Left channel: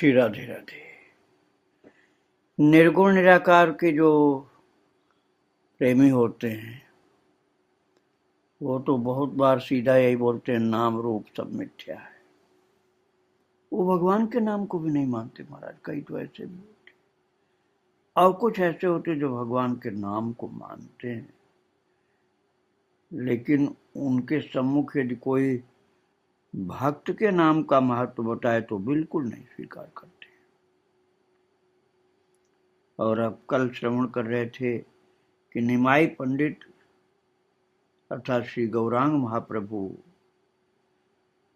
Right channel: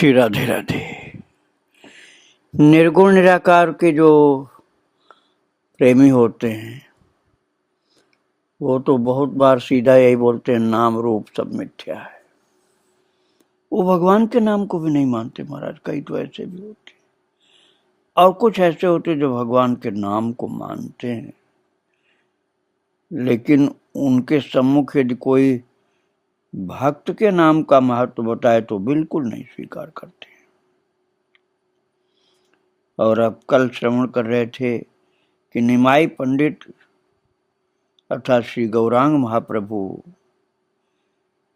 श्री राधे राधे। निर्गुण निराकार के जो प्रेमी होते हैं वो तो बहुत बार सीधा यही बोलते हैं, नाम रूप सब मिथ्या है। वो भगवान के नाम को भी नहीं मानते महाराज। कई तो ऐसे भी होते और कुछ ऐसे होते जो भगवान के नाम को मानते हैं, लेकिन उनके सम्मुख यदि कोई भक्त के नाम का महत्व बताए तो बिल्कुल नहीं स्वीकार करते। और अब कल श्रवण कर रहे थे कि निमाई पंडित अर्थात श्री गौरांग महाप्रभु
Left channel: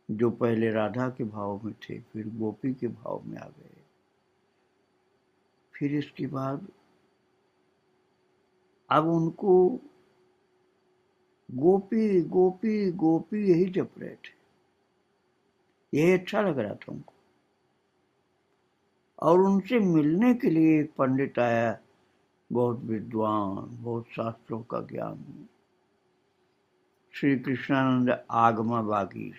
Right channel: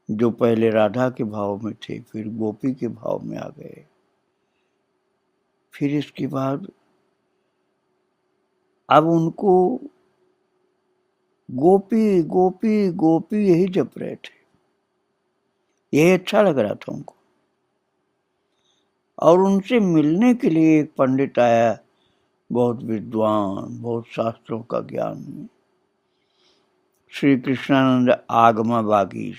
जो पहले राधा के भाव में थे, फिर गोपी के भाव में आ गए, फिर इसके बाद अब उनको गोपी गोपी गोपी यही जप रहे थे। यही अच्छा लग रहा था उनको। और उनसे मिलने के लिए एक पंडित आया, बहुत विद्वान, बहुत शास्त्रों का ज्ञान, श्री कृष्णानंद आगमा वागीश।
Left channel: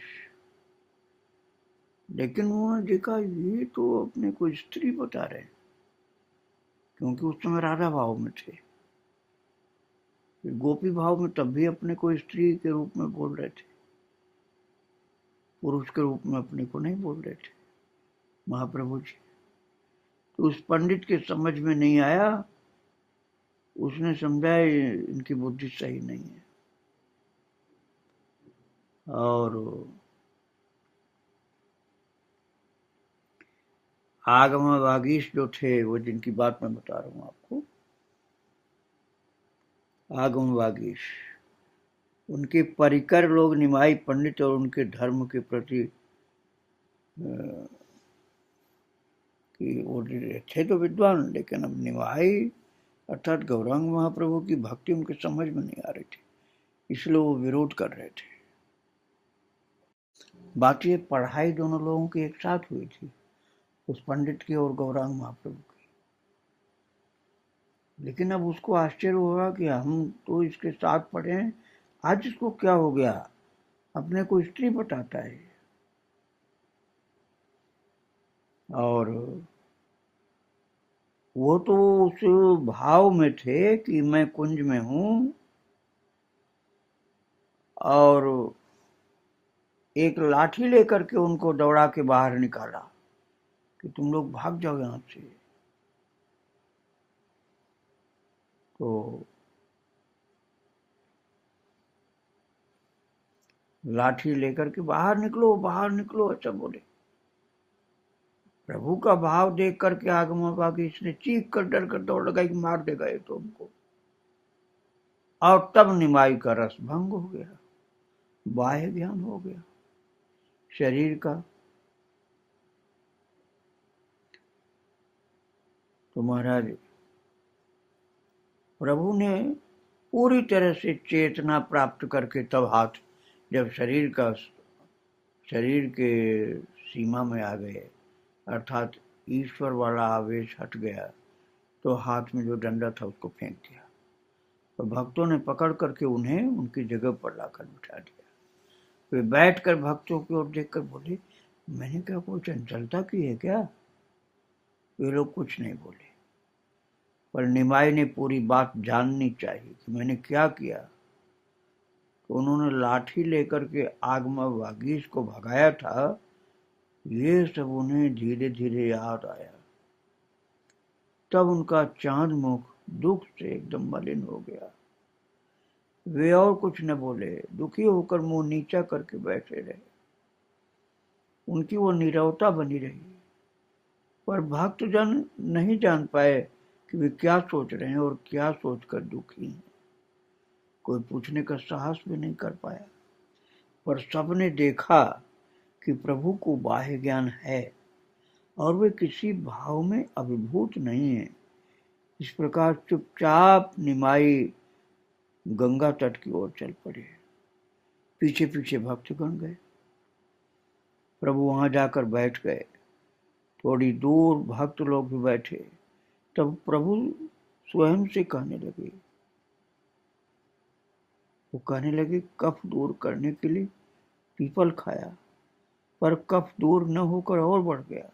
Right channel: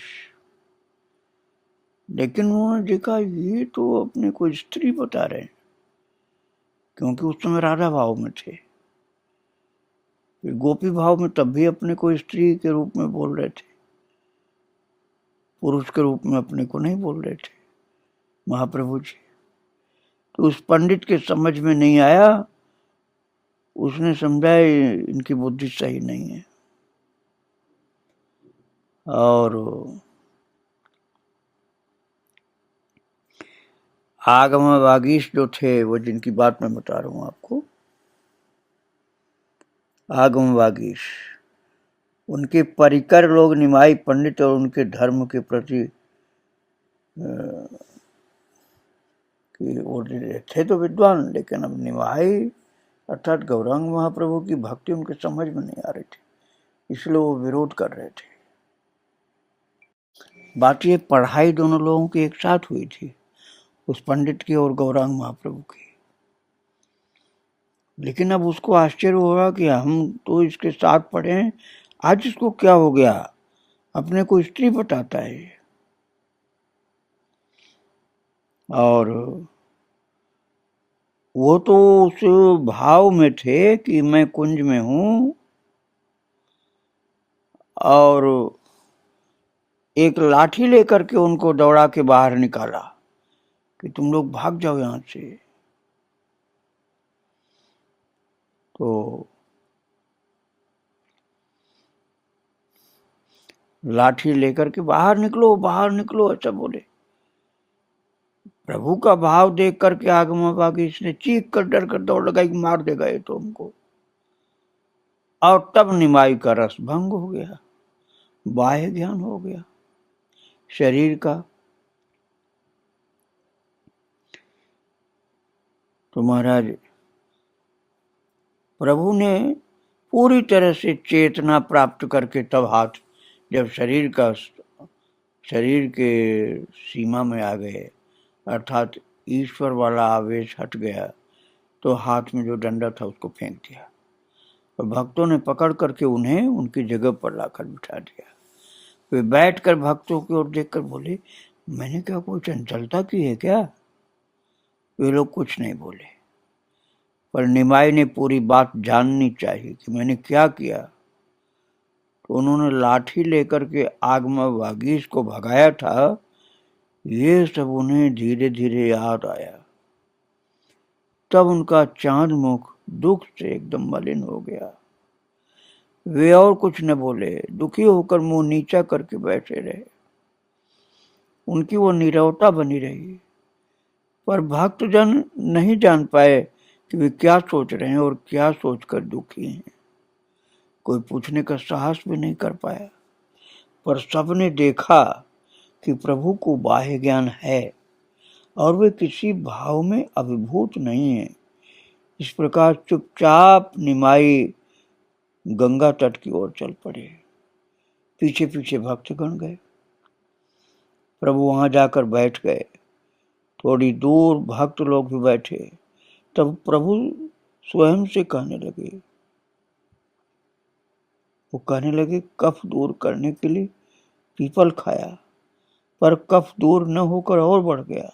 लेकिन उन्होंने देखा ये तो अपने को स्त्री बता रहे हैं, क्योंकि उस समय राधा भाव में थे। फिर गोपी भाव में तब भी अपने को स्त्री के रूप में बोल रहे थे, पुरुष के रूप में अपने को नहीं बोल रहे थे महाप्रभु जी। तो उस पंडित के समझ में नहीं आया। उसने समझा इनकी बुद्धि सही नहीं है। और आगम वागीश जो थे, वो जिनकी बात मैं बता रहा हूं आपको, आगम वागीश, उनके परिकर लोग निमाई पंडित और उनके धर्म के प्रति कि वो थे तो विद्वान, लेकिन अब निमाई अर्थात गौरांग महाप्रभु की भक्ति उनके समझ में नहीं आ रही थी, इसलिए वो विरोध कर रहे थे। बात ये पढ़ाई दोनों लोगों की एक साथ हुई थी, उस पंडित की और गौरांग महाप्रभु की। लेकिन अब उसको आश्चर्य हुआ कि हम तो इसके साथ पढ़े हैं, आज इसको क्या हो गया, अपने को स्त्री बताता है। और वो तो उस भाव में थे कि मैं कुंज में हूं, और एक लाठी लेकर के उनको दौड़ा के बाहर निकाला कि तुम लोग भाग जाओ यहां से। तो लाठी लेकर के बाहर निकलो, बाहर निकलो, ऐसा बोले। प्रभु का भाव देख करके आगमा वागीश ने चीख कर डर कर दौड़ लगाई कि मार देगा ये तो हमको। और तब निमाई का रस भंग हो गया, बाह्य ज्ञान हो गया शरीर का। तो महाराज प्रभु ने पूरी तरह से चेतना प्राप्त करके तब हाथ, जब शरीर के सीमा में आ गए, अर्थात ईश्वर वाला आवेश हट गया, तो हाथ में जो डंडा था उसको फेंक दिया और भक्तों ने पकड़ करके उन्हें उनकी जगह पर लाकर बिठा दिया। वे बैठकर भक्तों की ओर देखकर बोले, मैंने क्या कोई चंचलता की है क्या? वे लोग कुछ नहीं बोले, पर निमाई ने पूरी बात जाननी चाहिए कि मैंने क्या किया। तो उन्होंने लाठी लेकर के आगमा वागीश को भगाया था। ये सब उन्हें धीरे धीरे याद आया। तब उनका चांद मुख दुख से एकदम मलिन हो गया। वे और कुछ न बोले, दुखी होकर मुंह नीचा करके बैठे रहे। उनकी वो नीरवता बनी रही। पर भक्तजन नहीं जान पाए कि वे क्या सोच रहे हैं और क्या सोचकर दुखी हैं। कोई पूछने का साहस भी नहीं कर पाया। पर सबने देखा कि प्रभु को बाह्य ज्ञान है और वे किसी भाव में अभिभूत नहीं है। इस प्रकार चुपचाप निमाई गंगा तट की ओर चल पड़े। पीछे पीछे भक्तगण गए। प्रभु वहां जाकर बैठ गए। थोड़ी दूर भक्त लोग भी बैठे। तब प्रभु स्वयं से कहने लगे, वो कहने लगे, कफ दूर करने के लिए पीपल खाया, पर कफ दूर न होकर और बढ़ गया।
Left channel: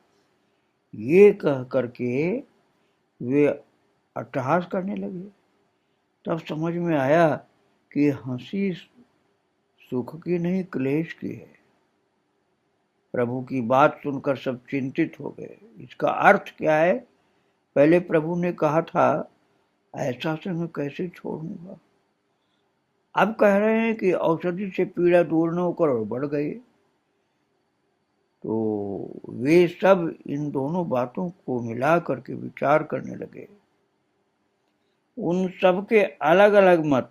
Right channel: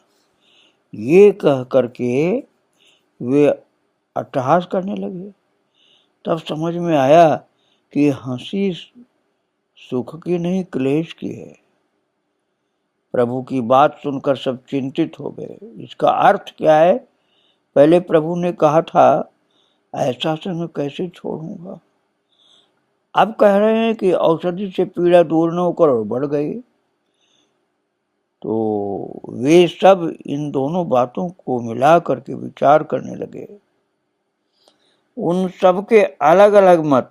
ये कह करके वे अट्टहास करने लगे। तब समझ में आया कि हंसी सुख की नहीं क्लेश की है। प्रभु की बात सुनकर सब चिंतित हो गए। इसका अर्थ क्या है? पहले प्रभु ने कहा था ऐसा से मैं कैसे छोड़ूंगा, अब कह रहे हैं कि औषधि से पीड़ा दूर न होकर और बढ़ गई। तो वे सब इन दोनों बातों को मिला करके विचार करने लगे। उन सब के अलग अलग मत,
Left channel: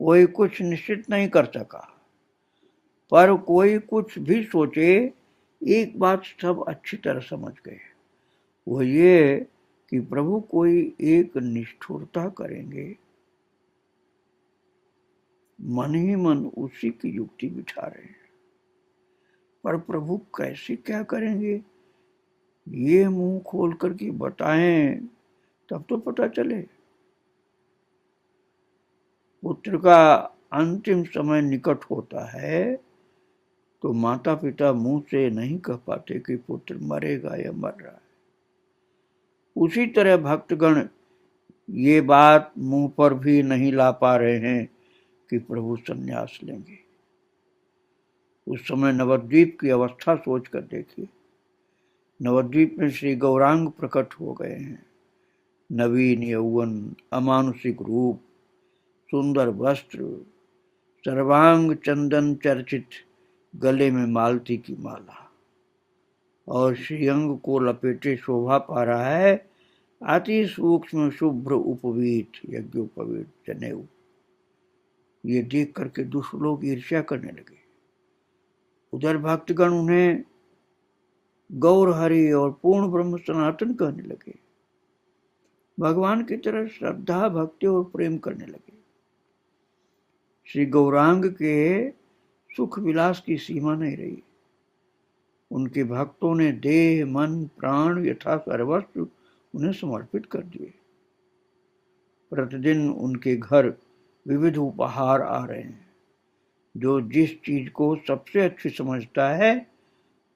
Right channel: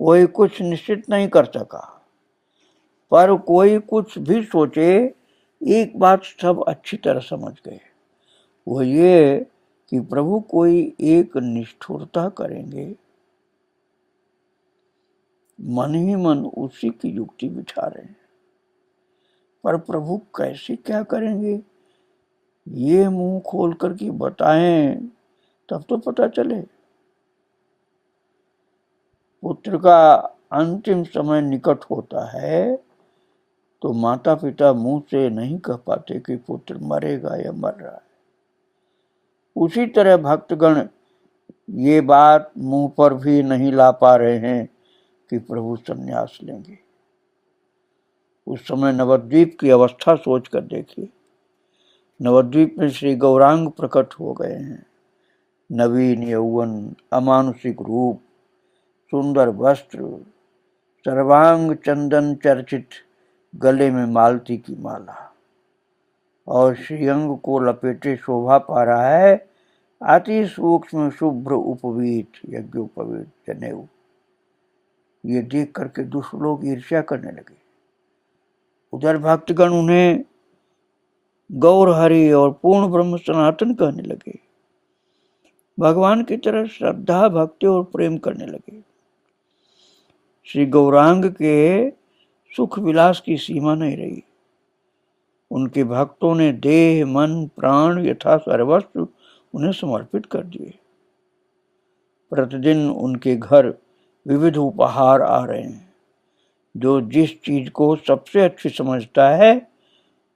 कोई कुछ निश्चित नहीं कर सका, पर कोई कुछ भी सोचे एक बात सब अच्छी तरह समझ गए, वो ये कि प्रभु कोई एक निष्ठुरता करेंगे। मन ही मन उसी की युक्ति बिठा रहे हैं, पर प्रभु कैसे क्या करेंगे ये मुंह खोल करके बताएं तब तो पता चले। पुत्र का अंतिम समय निकट होता है तो माता पिता मुंह से नहीं कह पाते कि पुत्र मरेगा या मर रहा है। उसी तरह भक्तगण ये बात मुंह पर भी नहीं ला पा रहे हैं कि प्रभु संन्यास लेंगे। उस समय नवद्वीप की अवस्था सोच कर देखिए। नवद्वीप में श्री गौरांग प्रकट हो गए हैं। नवीन यौवन, अमानुषिक रूप, सुंदर वस्त्र, सर्वांग चंदन चर्चित, गले में मालती की माला और श्रीअंग को लपेटे शोभा पा रहा है अति सूक्ष्म शुभ्र उपवीत यज्ञोपवीत जनेऊ। ये देख करके दुष्ट लोग ईर्ष्या करने लगे। उधर भक्तगण उन्हें गौर हरि और पूर्ण ब्रह्म सनातन कहने लगे। भगवान की तरह श्रद्धा भक्ति और प्रेम करने लगे। श्री गौरांग के सुख विलास की सीमा नहीं रही। उनके भक्तों ने देह मन प्राण यथा सर्वस्व उन्हें समर्पित कर दिए। प्रतिदिन उनके घर विविध उपहार आ रहे हैं। जो जिस चीज को सबसे अच्छी समझता है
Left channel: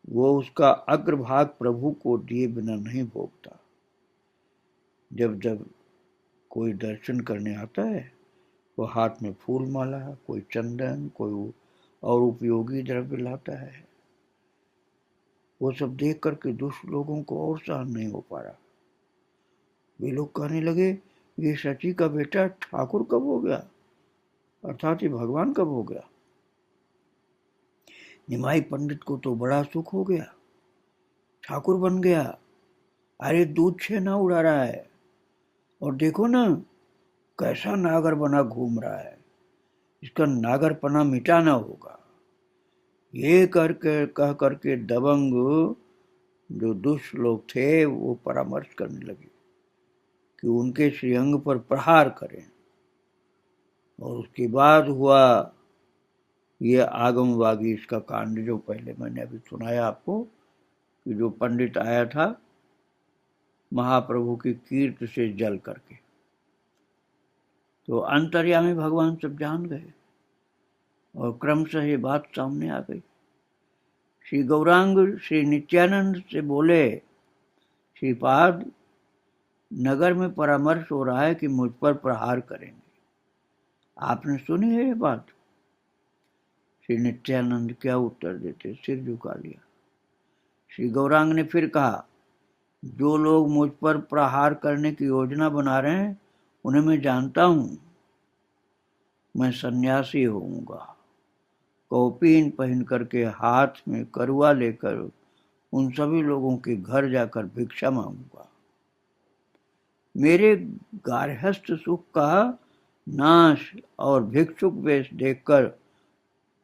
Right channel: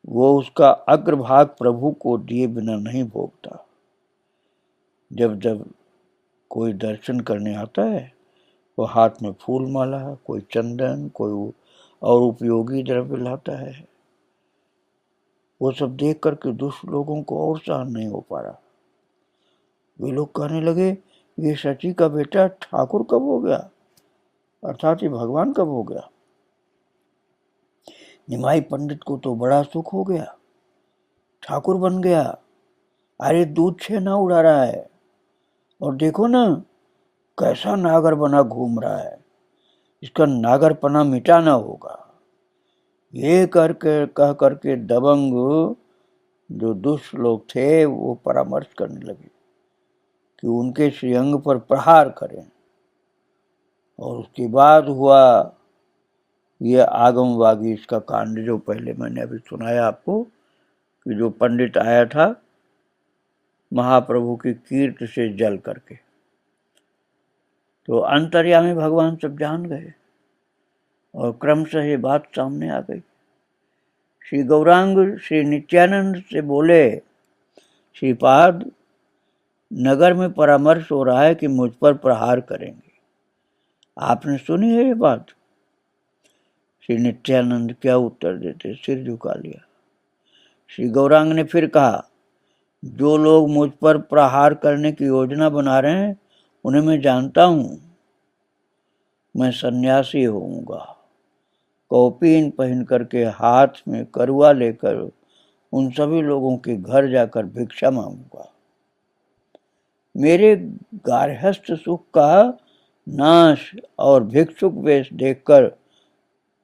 वो उसका अग्रभाग प्रभु को दिए बिना नहीं भोगता। जब जब कोई दर्शन करने आता है वो हाथ में फूल माला, कोई चंदन, कोई और उपयोगी द्रव्य लाता है। वो सब देख करके दुष्ट लोगों को और सहन नहीं हो पा रहा। वे लोग कहने लगे ये सची का बेटा ठाकुर कब हो गया, अर्थात ये भगवान कब हो गया। निमाई पंडित को तो बड़ा सुख हो गया, ठाकुर बन गया। अरे दूध छेना उड़ा रहा है और देखो ना कैसा नागर बना घूम रहा है, इसका नागरपना मिटाना होगा। ये कह करके दबंग जो दुष्ट लोग थे वो परामर्श करने लगे कि उनके श्रीअंग पर प्रहार करें। और उसके बाद हुआ ये आगमवागी इसका कांड जो पहले मैंने अभी सुनाया आपको, कि जो पंडित आया था महाप्रभु की कीर्ति से जल करके, तो अंतर्यामी भगवान सब जान गए और क्रमशः ये बात सामने आ गई। श्री गौरांग श्री नित्यानंद से बोले, श्रीपाद नगर में परामर्श हो रहा है कि मुझ पर प्रहार करेंगे, आपने सुनी है ये बात? श्री नित्यानंद क्या उत्तर देते, सिर झुका लिया। श्री गौरांग ने फिर कहा, जो लोग मुझ पर प्रहार करने की योजना बना रहे हैं उन्हें मैं जानता हूं। मैं सन्यासी होऊंगा, कौपीन पहन करके हाथ में करुआ लेकर उन सभी लोगों के घर जाकर भिक्षा मांगूंगा। मेरे गार्हस्थ सुख का नाश और भिक्षुक वेश देखकर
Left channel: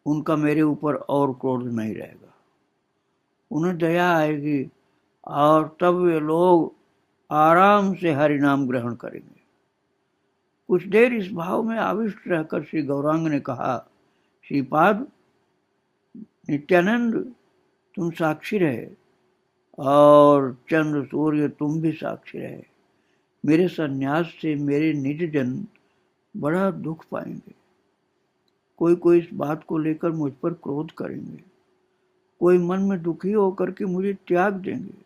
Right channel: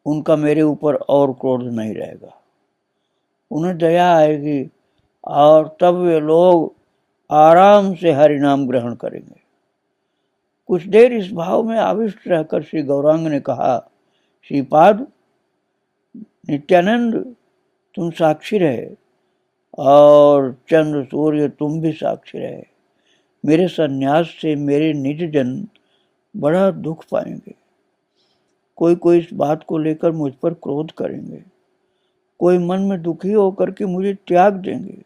उनका मेरे ऊपर और क्रोध नहीं रहेगा, उन्हें दया आएगी और तब वे लोग आराम से हरि नाम ग्रहण करेंगे। कुछ देर इस भाव में आविष्ट रहकर श्री गौरांग ने कहा, श्रीपाद नित्यानंद तुम साक्षी रहे और चंद्र सूर्य तुम भी साक्षी रहे। मेरे सन्यास से मेरे निज जन बड़ा दुख पाएंगे। कोई इस बात को लेकर मुझ पर क्रोध करेंगे, कोई मन में दुखी होकर के मुझे त्याग देंगे।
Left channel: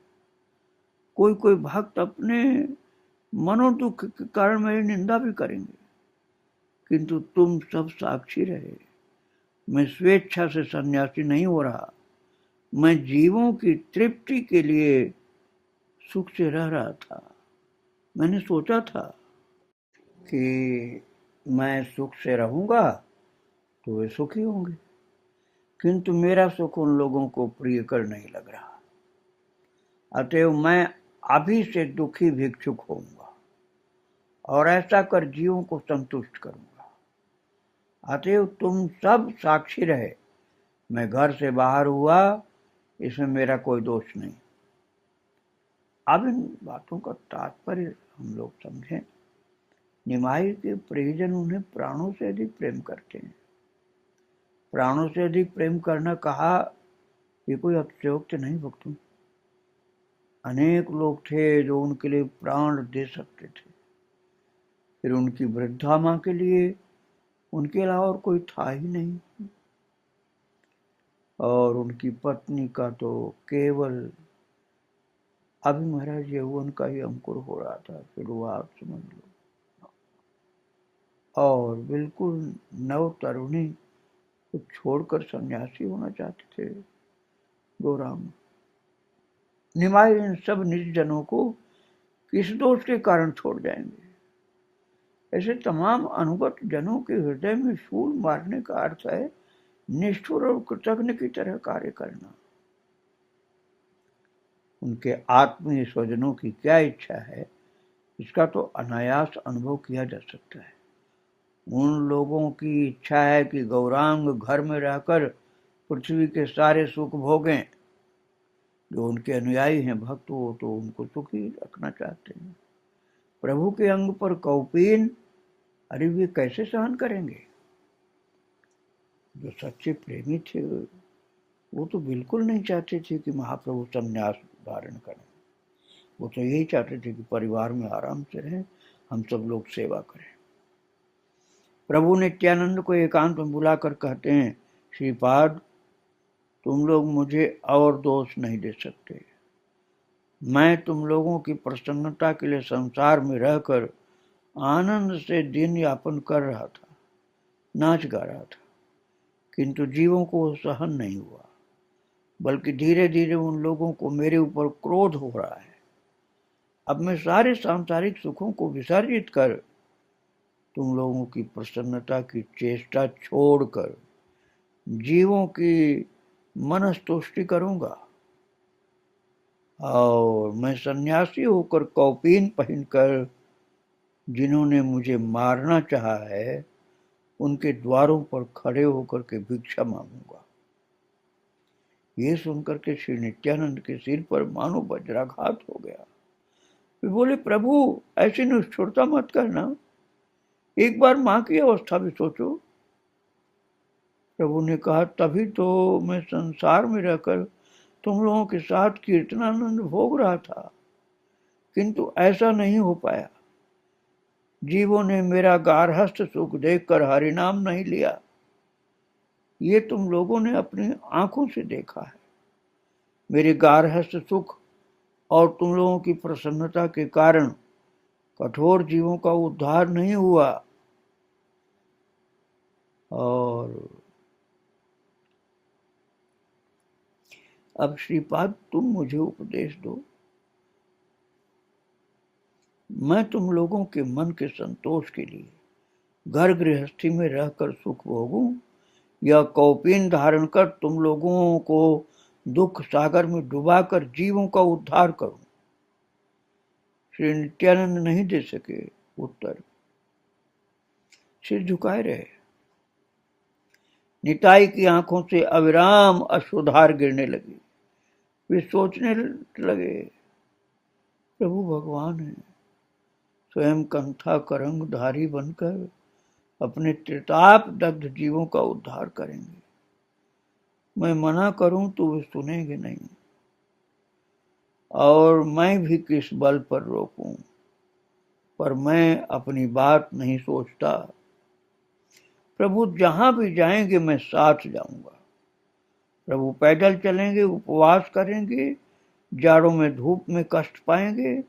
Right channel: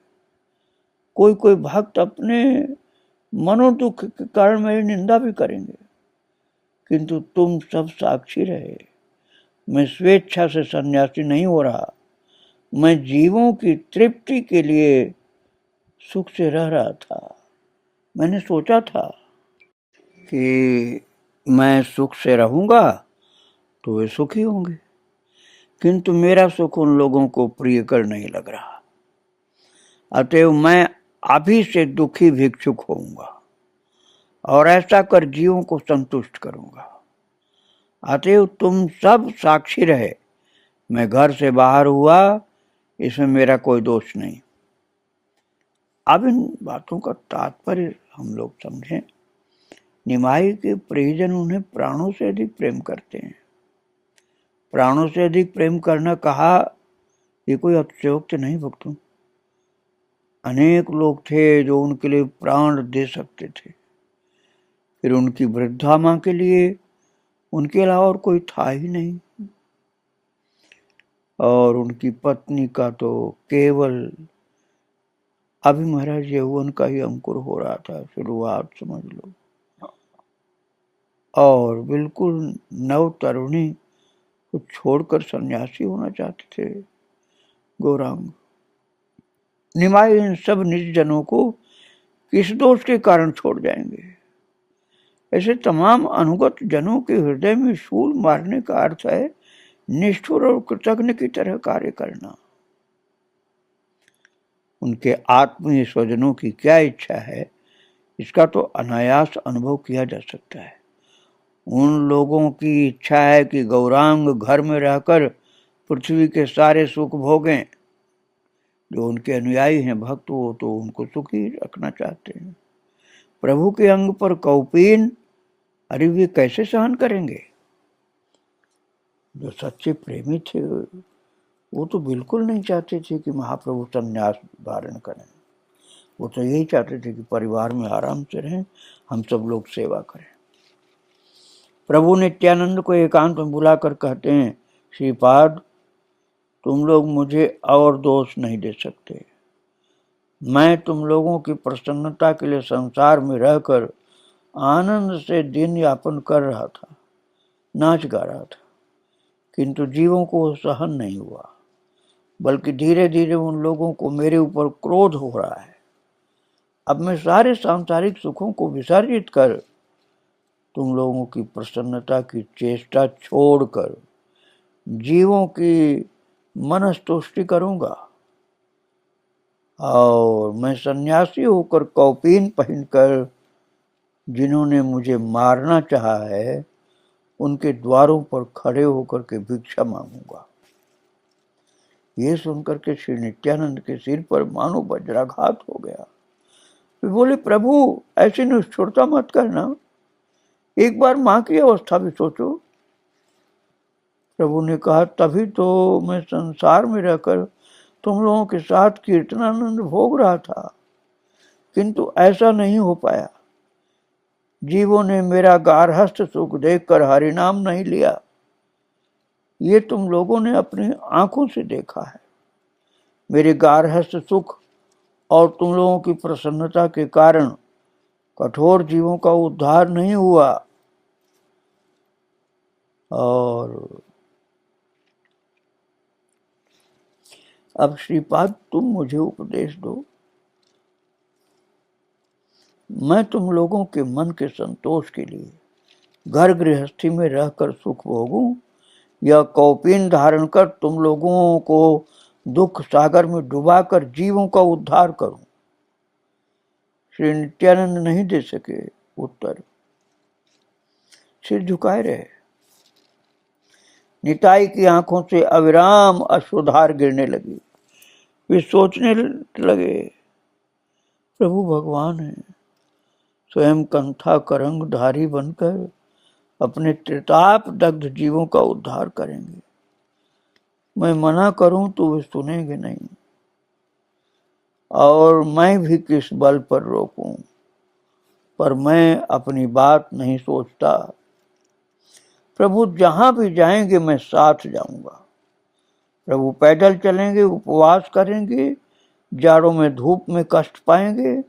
कोई कोई भक्त अपने मनोदुख के कारण मेरी निंदा भी करेंगे, किंतु तुम सब साक्षी रहे। मैं स्वेच्छा से सन्यासी नहीं हो रहा, मैं जीवों की तृप्ति के लिए सुख से रह रहा था। मैंने सोचा था कि मैं सुख से रहूंगा तो वे सुखी होंगे, किंतु मेरा सुख उन लोगों को प्रियकर नहीं लग रहा। अतएव मैं अभी से दुखी भिक्षुक होऊंगा और ऐसा कर जीवों को संतुष्ट करूंगा। अतएव तुम सब साक्षी रहे, मैं घर से बाहर हुआ, इसमें मेरा कोई दोष नहीं। अब इन बातों का तात्पर्य हम लोग समझें। निमाई के परिजन उन्हें प्राणों से अधिक प्रेम करते हैं। प्राणों से अधिक प्रेम करना कहा, ये कोई अतिशयोक्ति नहीं भक्तों। अनेक लोग थे जो उनके लिए प्राण दे सकते थे, फिर उनकी वृद्धा मां के लिए उनके अलावा और कोई था ही नहीं, और उनकी पत्नी का तो केवल अभी महाराज यौवन का ही अंकुर हो रहा था, शुरुआत समझ लो, और बिल्कुल नव तरुणी को छोड़कर सन्यासी होना चाहते थे गौरांग। निमाई इन सब निज जनों को किस दोष के कारण छोड़ जाएंगे? ऐसे तमाम अनुगत जनों के हृदय में शूल मारने का अर्थ है निष्ठुर और कृतज्ञ की तरह कार्य करना। उनके आत्मीय स्वजनों की क्या इच्छा है, इसका तो अनायास अनुभव किया जा सकता है। उन लोगों की इच्छा है कि गौरांग घर में रहकर पृथ्वी के सारे सुख भोगें। जो उनके अनुयायी हैं भक्त, वो तो उनको सुखी रखना चाहते हैं। प्रभु के अंग पर कौपीन, अरे वे कैसे सहन करेंगे? जो सच्चे प्रेमी थे वो तो बिल्कुल नहीं चाहते थे कि महाप्रभु संन्यास धारण करें। वो तो यही चाहते थे कि परिवार में आराम से रहें, हम सब लोग सेवा करें। प्रभु नित्यानंद को एकांत में बुलाकर कहते हैं, श्रीपाद, तुम लोग मुझे और दोष नहीं दे सकते। मैं तुम लोगों की प्रसन्नता के लिए संसार में रहकर आनंद से दिन यापन कर रहा था, नाच गा रहा था, किंतु जीवों को सहन नहीं हुआ, बल्कि धीरे धीरे उन लोगों को मेरे ऊपर क्रोध हो रहा है। अब मैं सारे सांसारिक सुखों को विसर्जित कर तुम लोगों की प्रसन्नता की चेष्टा छोड़कर जीवों की मनस्तुष्टि करूंगा, और मैं सन्यासी होकर कौपीन पहनकर जिन्होंने मुझे मारना चाहा है उनके द्वारों पर खड़े होकर के भिक्षा मांगूंगा। ये सुनकर के श्री नित्यानंद के सिर पर मानो वज्राघात हो गया। वे बोले, प्रभु ऐसी निष्ठुरता मत करना, एक बार मां की अवस्था भी सोचो। प्रभु ने कहा, तभी तो मैं संसार में रहकर तुम लोगों के साथ कीर्तनानंद भोग रहा था, किंतु ऐसा नहीं हो पाया। जीवों ने मेरा गार्हस्थ सुख देखकर हरिनाम नहीं लिया। ये तुम लोगों ने अपनी आंखों से देखा है। मेरे गार्हस्थ सुख और तुम लोगों की प्रसन्नता के कारण कठोर जीवों का उद्धार नहीं हुआ, और अब श्रीपाद तुम मुझे उपदेश दो, मैं तुम लोगों के मन के संतोष के लिए घर गृहस्थी में रहकर सुख भोगूं, या कौपीन धारण कर तुम लोगों को दुख सागर में डुबाकर जीवों का उद्धार करूं? श्री नित्यानंद नहीं दे सके उत्तर, सिर झुकाए रहे। निताई की आंखों से अविराम अश्रुधार गिरने लगी। वे सोचने लगे, प्रभु भगवान है, स्वयं कंथा करंग धारी बनकर अपने त्रिताप दग्ध जीवों का उद्धार करेंगे। मैं मना करूं तो वे सुनेंगे नहीं, और मैं भी किस बल पर रोकूं, पर मैं अपनी बात नहीं सोचता। प्रभु जहां भी जाएंगे मैं साथ जाऊंगा। प्रभु पैदल चलेंगे, उपवास करेंगे, जाड़ों में धूप में कष्ट पाएंगे,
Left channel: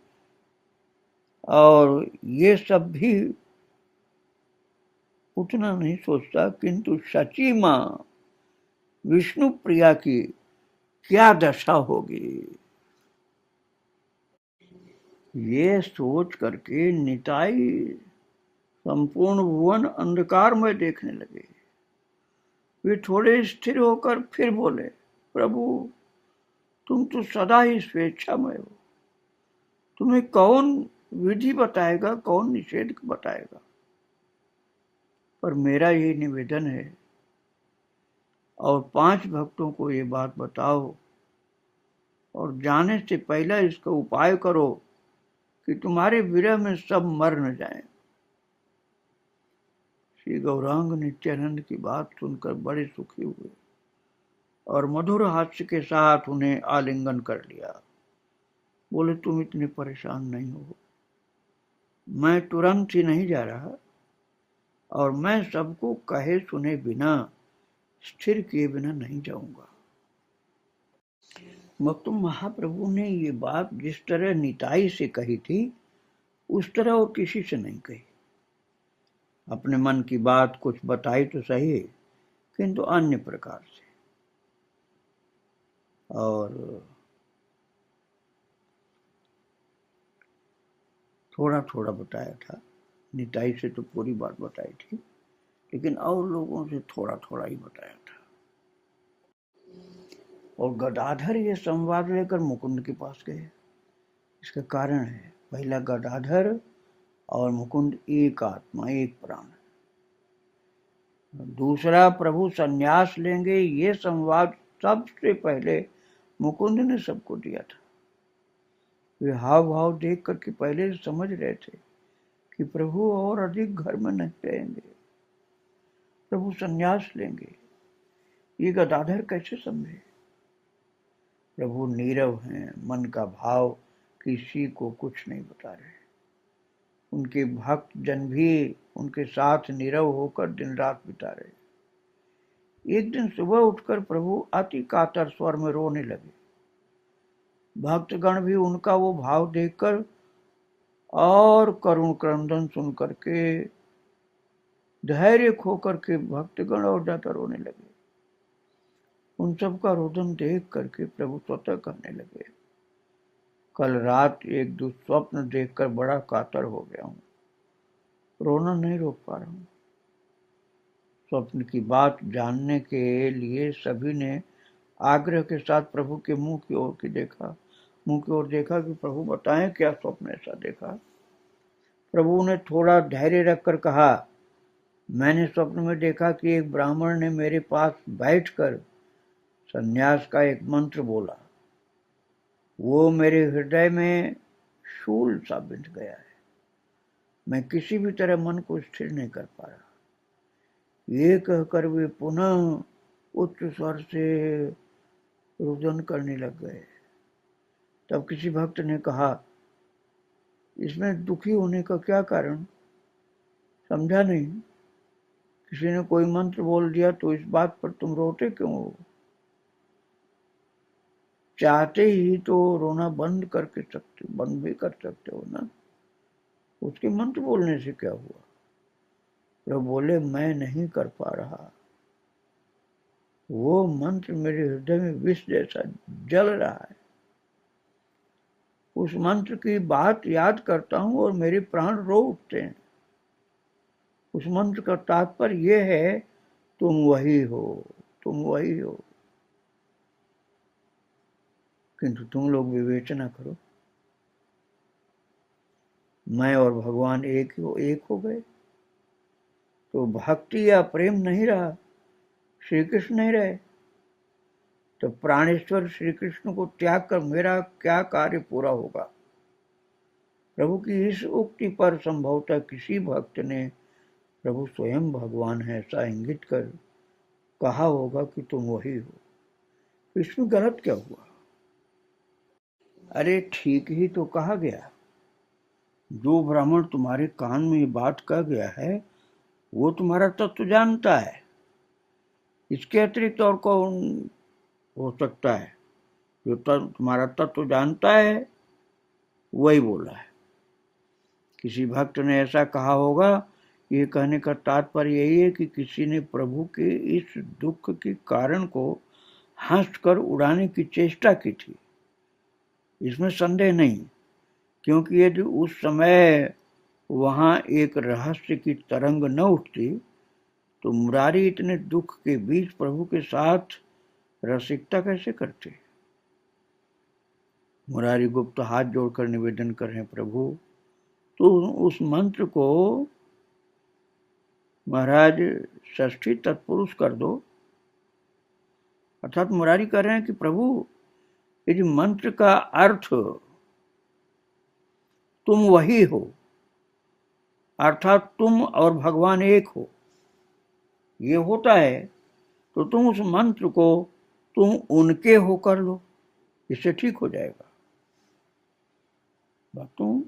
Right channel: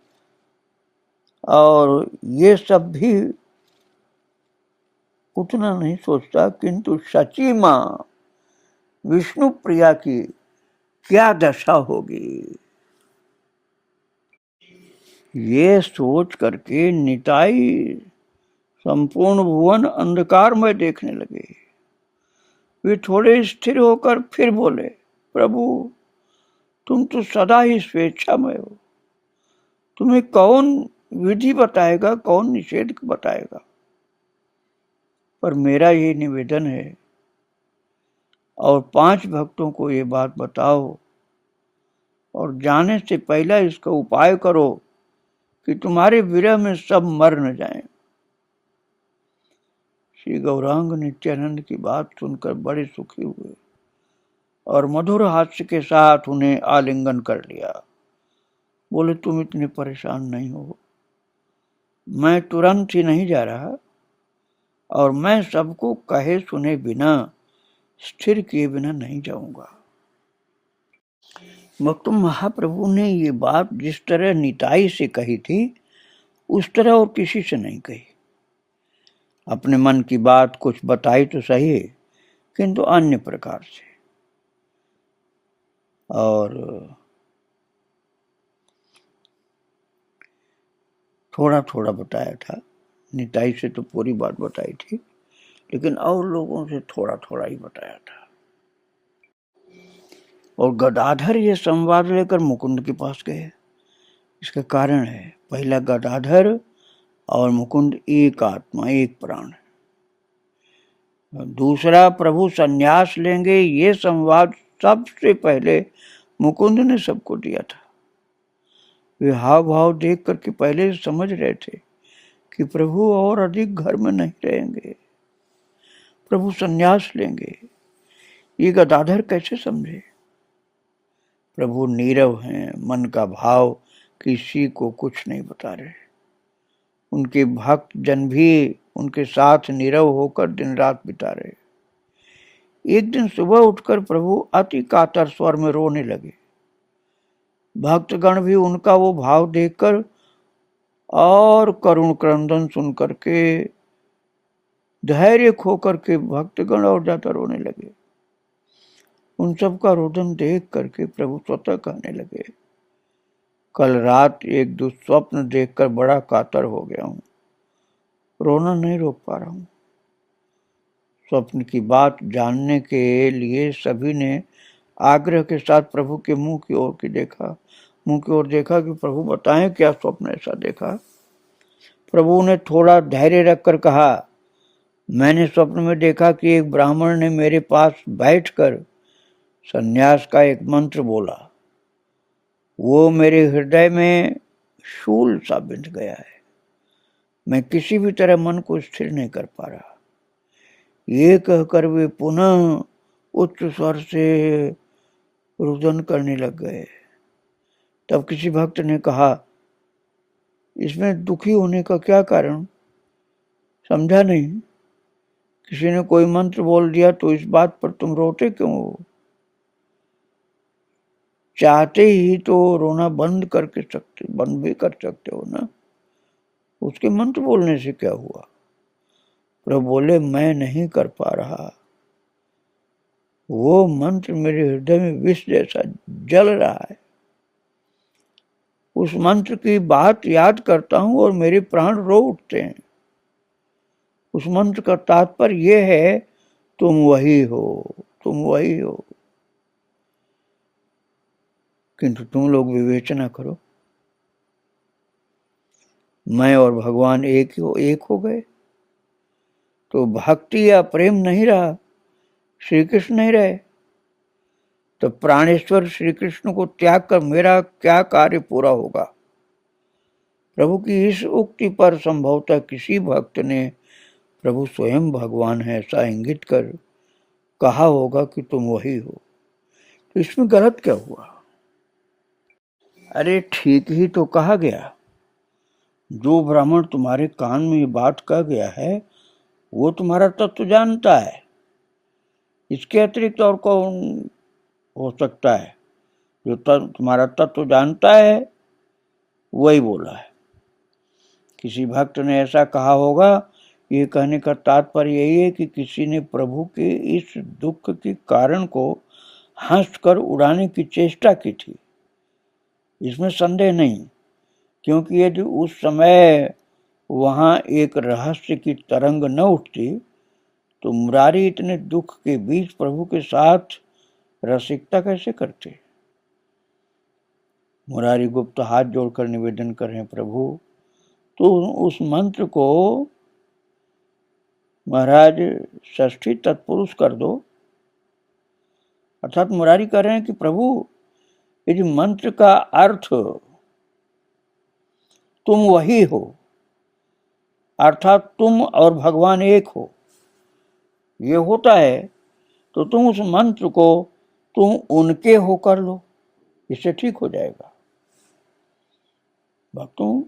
और ये सब भी उतना नहीं सोचता। किंतु सची माँ विष्णु प्रिया की क्या दशा होगी, ये सोच करके निताई संपूर्ण भुवन अंधकार में देखने लगे। वे थोड़े स्थिर होकर फिर बोले, प्रभु तुम तो सदा ही स्वेच्छामय हो, तुम्हें कौन विधि बताएगा, कौन निषेध बताएगा। पर मेरा ये निवेदन है, और 5 भक्तों को ये बात बताओ, और जाने से पहले इसका उपाय करो कि तुम्हारे विरह में सब मर न जाएं। श्री गौरांग नित्यानंद की बात सुनकर बड़े सुखी हुए और मधुर हास्य के साथ उन्हें आलिंगन कर लिया। बोले, तुम इतने परेशान नहीं हो, मैं तुरंत ही नहीं जा रहा, और मैं सबको कहे सुने बिना, स्थिर किए बिना नहीं जाऊंगा। भक्त महाप्रभु ने ये बात जिस तरह निताई से कही थी, उस तरह और किसी से नहीं कही। अपने मन की बात कुछ बताई तो सही है, किंतु अन्य प्रकार से, और थोड़ा थोड़ा बताया था। निताई से तो पूरी बात बताई थी, लेकिन और लोगों से थोड़ा थोड़ा ही बताया था। और गदाधर ये संवाद लेकर मुकुंद के पास गए। इसका कारण है, पहला गदाधर और मुकुंद एक आत्मा, एक प्राण है। दूसरा, प्रभु संन्यास लेंगे, ये संवाद सबसे पहले मुकुंद ने सबको दिया था। वे हाव भाव देख करके पहले समझ रहे थे कि प्रभु और अधिक घर में नहीं रहेंगे, प्रभु संन्यास लेंगे। ये गदाधर कैसे समझे? प्रभु नीरव हैं, मन का भाव किसी को कुछ नहीं बता रहे। उनके भक्त जन भी उनके साथ नीरव होकर दिन रात बिता रहे। एक दिन सुबह उठकर प्रभु अति कातर स्वर में रोने लगे। भक्तगण भी उनका वो भाव देखकर और करुण क्रंदन सुन करके धैर्य खो करके भक्तगण और ज्यादा रोने लगे। उन सब का रोदन देख करके प्रभु स्वतः कहने लगे, कल रात एक दुस्वप्न देखकर बड़ा कातर हो गया हूं, रोना नहीं रोक पा रहा हूं। स्वप्न की बात जानने के लिए सभी ने आग्रह के साथ प्रभु के मुंह की ओर देखा कि प्रभु बताएं क्या स्वप्न ऐसा देखा। प्रभु ने थोड़ा धैर्य रखकर कहा, मैंने स्वप्न में देखा कि एक ब्राह्मण ने मेरे पास बैठकर सन्यास का एक मंत्र बोला। वो मेरे हृदय में शूल सा बिंध गया है। मैं किसी भी तरह मन को स्थिर नहीं कर पा रहा। ये कहकर वे पुनः उच्च स्वर से रुदन करने लग गए। तब किसी भक्त ने कहा, इसमें दुखी होने का क्या कारण? समझा नहीं। किसी ने कोई मंत्र बोल दिया तो इस बात पर तुम रोते क्यों हो? चाहते ही तो रोना बंद भी कर सकते हो ना। उसके मंत्र बोलने से क्या हुआ? प्रभु बोले, मैं नहीं कर पा रहा। वो मंत्र मेरे हृदय में विष जैसा जल रहा है। उस मंत्र की बात याद करता हूं और मेरे प्राण रो उठते हैं। उस मंत्र का तात्पर्य यह है, तुम वही हो, तुम वही हो। किंतु तुम लोग विवेचना करो, मैं और भगवान एक हो गए तो भक्ति या प्रेम नहीं रहा, श्री कृष्ण नहीं रहे, तो प्राणेश्वर श्री कृष्ण को त्याग कर मेरा क्या कार्य पूरा होगा? प्रभु की इस उक्ति पर संभवतः किसी भक्त ने प्रभु स्वयं भगवान है ऐसा इंगित कर कहा होगा कि तुम वही हो। तो इसमें गलत क्या हुआ? अरे ठीक ही तो कहा गया। जो ब्राह्मण तुम्हारे कान में ये बात कह गया है वो तुम्हारा तत्व जानता है। इसके अतिरिक्त और कौन हो सकता है जो तुम्हारा तत्व जानता है वही बोला है। किसी भक्त ने ऐसा कहा होगा, ये कहने का तात्पर्य यही है कि किसी ने प्रभु के इस दुख के कारण को हंसकर उड़ाने की चेष्टा की थी। इसमें संदेह नहीं, क्योंकि यदि उस समय वहां एक रहस्य की तरंग न उठती तो मुरारी इतने दुख के बीच प्रभु के साथ रसिकता कैसे करते। मुरारी गुप्त हाथ जोड़कर निवेदन कर रहे हैं, प्रभु तो उस मंत्र को महाराज षष्ठी तत्पुरुष कर दो। अर्थात मुरारी कह रहे हैं कि प्रभु यदि मंत्र का अर्थ तुम वही हो, अर्थात तुम और भगवान एक हो, ये होता है तो तुम उस मंत्र को तुम उनके हो कर लो, इससे ठीक हो जाएगा। भक्तों,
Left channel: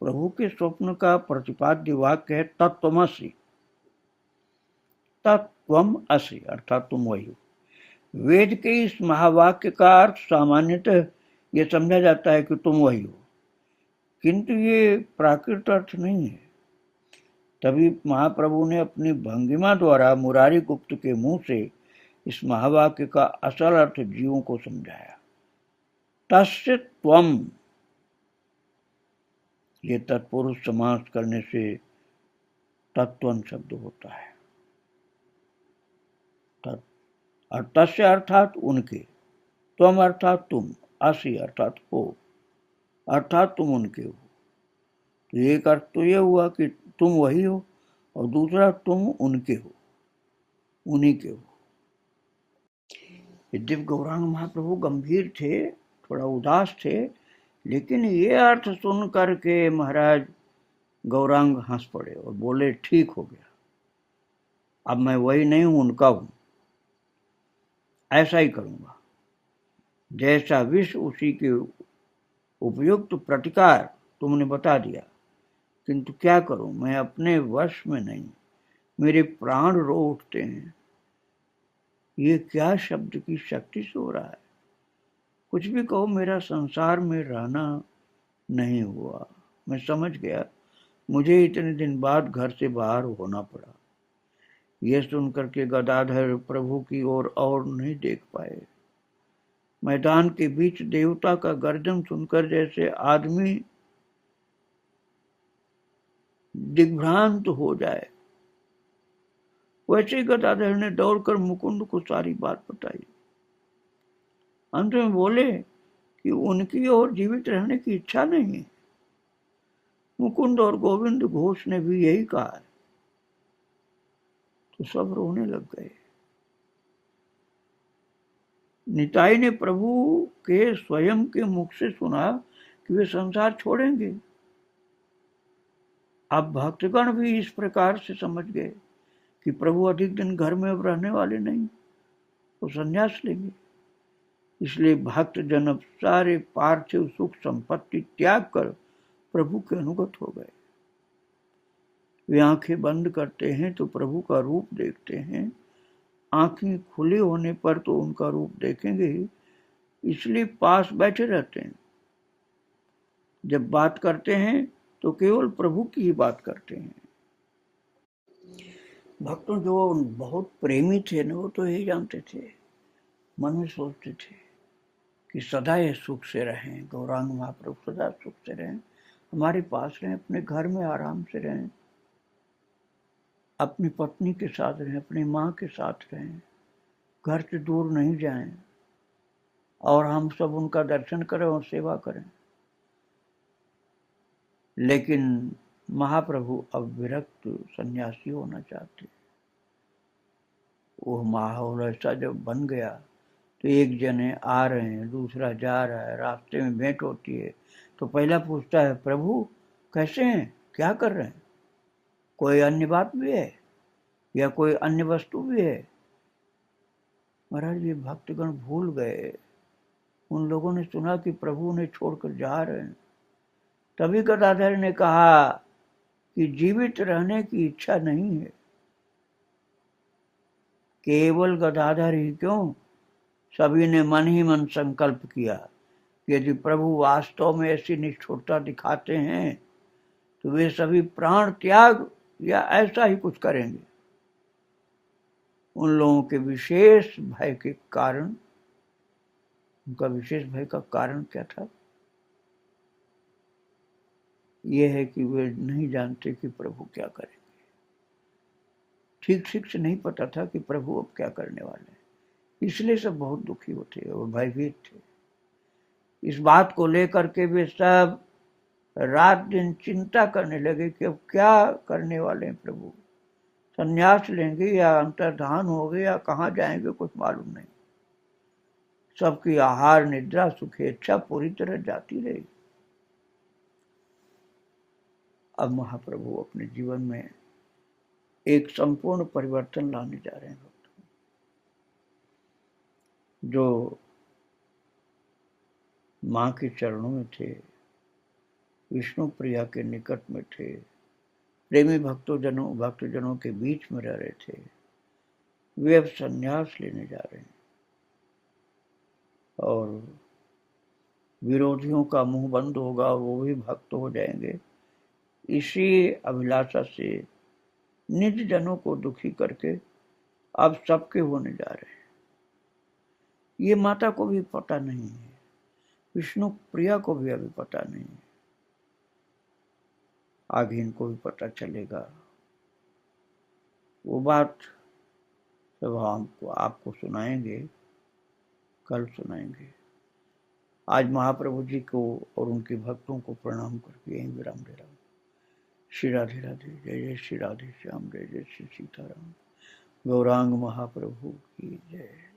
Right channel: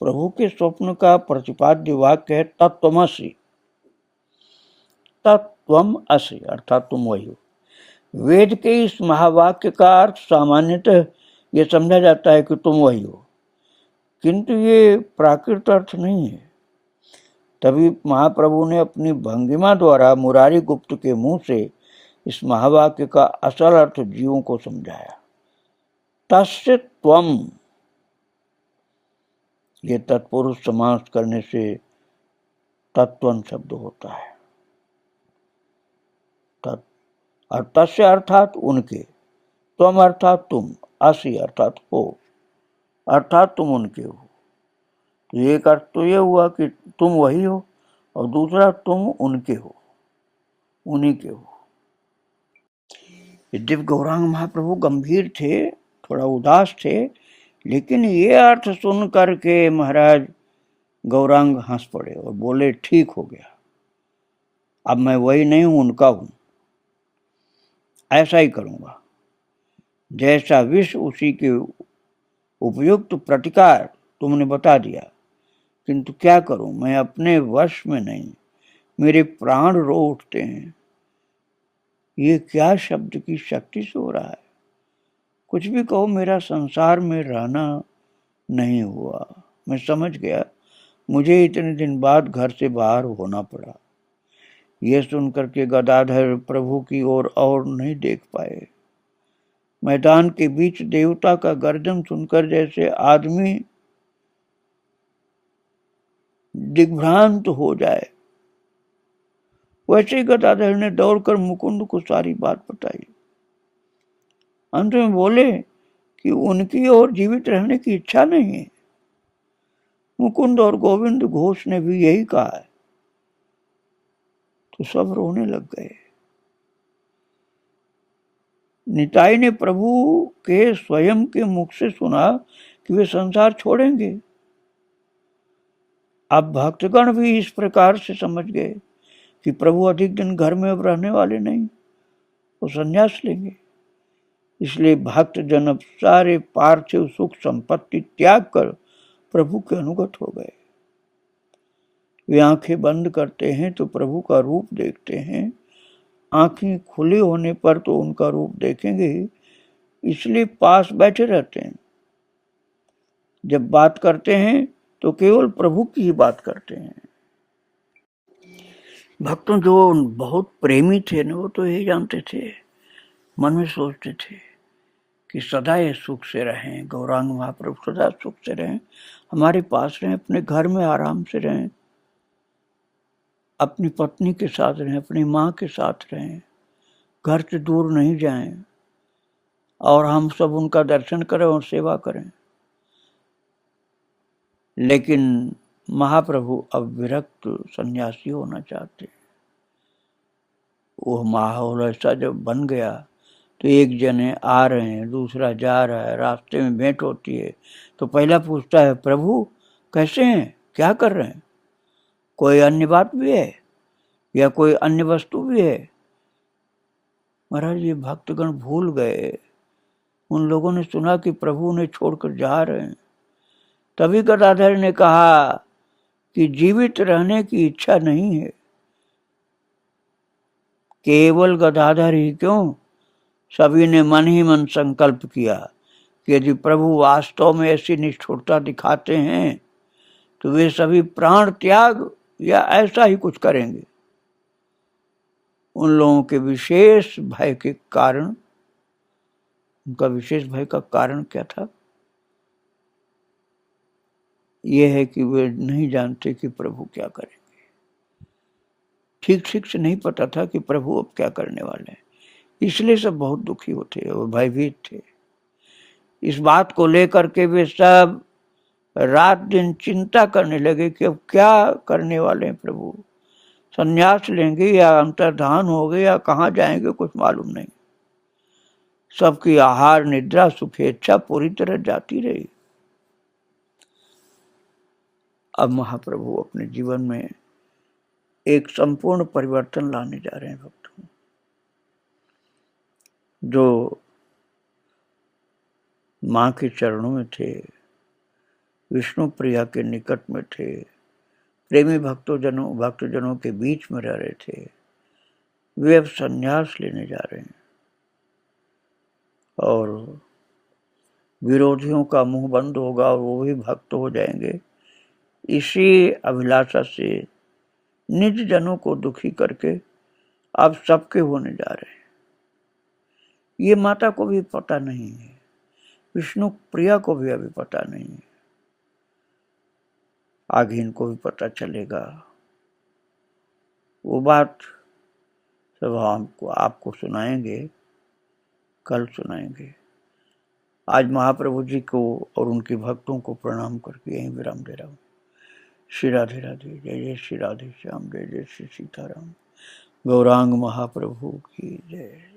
प्रभु के स्वप्न का प्रतिपाद्य वाक्य है तत्त्वमसि। तत्त्वम असि अर्थात तुम वही हो। वेद के इस महावाक्य का अर्थ सामान्यतः यह समझा जाता है कि तुम वही हो, किंतु ये प्राकृत अर्थ नहीं है। तभी महाप्रभु ने अपनी भंगिमा द्वारा मुरारी गुप्त के मुंह से इस महावाक्य का असल अर्थ जीवों को समझाया। तस्य त्वम, ये तत्पुरुष समास करने से तत्वन शब्द होता है। और तस्य अर्थात उनके, त्वम अर्थात तुम, असि अर्थात हो, अर्थात तुम उनके हो। एक अर्थ तो यह हुआ कि तुम वही हो, और दूसरा तुम उनके हो, उन्हीं के हो। यद्यपि गौरांग महाप्रभु गंभीर थे, थोड़ा उदास थे, लेकिन ये अर्थ सुन करके महाराज गौरांग हंस पड़े और बोले, ठीक हो गया, अब मैं वही नहीं हूं, उनका हूं। ऐसा ही करूंगा, जैसा विष उसी के उपयुक्त प्रतिकार तुमने बता दिया, किंतु क्या करूं, मैं अपने वश में नहीं, मेरे प्राण रो उठते हैं। ये क्या शब्द की शक्ति से हो रहा है। कुछ भी कहो, मेरा संसार में रहना नहीं हुआ। मैं समझ गया, मुझे इतने दिन बाद घर से बाहर होना पड़ा। यह सुनकर के गदाधर प्रभु की ओर और नहीं देख पाए। मैदान के बीच देवता का गर्जन सुनकर जैसे आदमी दिग्भ्रांत हो जाए, वैसे ही गदाधर ने दौड़कर मुकुंद को सारी बात बताई। अंत में बोले कि उनकी और जीवित रहने की इच्छा नहीं है। मुकुंद और गोविंद घोष ने भी यही कहा है। तो सब रोने लग गए। निताई ने प्रभु के स्वयं के मुख से सुना कि वे संसार छोड़ेंगे। अब भक्तगण भी इस प्रकार से समझ गए कि प्रभु अधिक दिन घर में अब रहने वाले नहीं, वो संन्यास लेंगे। इसलिए भक्त जन अब सारे पार्थिव सुख संपत्ति त्याग कर प्रभु के अनुगत हो गए। वे आंखें बंद करते हैं तो प्रभु का रूप देखते हैं, आंखें खुले होने पर तो उनका रूप देखेंगे, इसलिए पास बैठे रहते हैं। जब बात करते हैं तो केवल प्रभु की ही बात करते हैं। भक्तों, जो बहुत प्रेमी थे ना, वो तो यही जानते थे, मन में सोचते थे कि सदा ये सुख से रहें, गौरांग महाप्रभु सदा सुख से रहें, हमारे पास रहें, अपने घर में आराम से रहें, अपनी पत्नी के साथ रहें, अपनी माँ के साथ रहें, घर से दूर नहीं जाएं, और हम सब उनका दर्शन करें और सेवा करें। लेकिन महाप्रभु अब विरक्त सन्यासी होना चाहते। वो माहौल ऐसा जब बन गया तो एक जने आ रहे हैं, दूसरा जा रहा है, रास्ते में भेंट होती है तो पहला पूछता है, प्रभु कैसे हैं, क्या कर रहे हैं, कोई अन्य बात भी है या कोई अन्य वस्तु भी है। महाराज, ये भक्तगण भूल गए। उन लोगों ने सुना कि प्रभु उन्हें छोड़कर जा रहे हैं। तभी गदाधर ने कहा कि जीवित रहने की इच्छा नहीं है। केवल गदाधर ही क्यों, सभी ने मन ही मन संकल्प किया कि यदि प्रभु वास्तव में ऐसी निष्ठुरता दिखाते हैं तो वे सभी प्राण त्याग या ऐसा ही कुछ करेंगे। उन लोगों के विशेष भय के कारण, उनका विशेष भय का कारण क्या था? यह है कि वे नहीं जानते कि प्रभु क्या करेंगे। ठीक ठीक से नहीं पता था कि प्रभु अब क्या करने वाले हैं, इसलिए सब बहुत दुखी होते और भयभीत थे। इस बात को लेकर के वे सब रात दिन चिंता करने लगे कि अब क्या करने वाले हैं प्रभु, संन्यास लेंगे या अंतर्धान हो गए या कहाँ जाएंगे कुछ मालूम नहीं। सबकी आहार निद्रा सुखेच्छा पूरी तरह जाती रही। अब महाप्रभु अपने जीवन में एक संपूर्ण परिवर्तन लाने जा रहे हैं भक्तों। जो माँ के चरणों में थे, विष्णु प्रिया के निकट में थे, प्रेमी भक्तजनों के बीच में रह रहे थे, वे अब संन्यास लेने जा रहे हैं और विरोधियों का मुंह बंद होगा और वो भी भक्त हो जाएंगे। इसी अभिलाषा से निज जनों को दुखी करके अब सबके होने जा रहे हैं। ये माता को भी पता नहीं है, विष्णु प्रिया को भी अभी पता नहीं है, आगे इनको भी पता चलेगा। वो बात सब हमको आपको सुनाएंगे, कल सुनाएंगे। आज महाप्रभु जी को और उनके भक्तों को प्रणाम करके यहीं विराम दे रहा हूँ। श्री राधे राधे, जय जय श्री राधे श्याम, जय जय श्री सीताराम। गौरांग महाप्रभु की जय।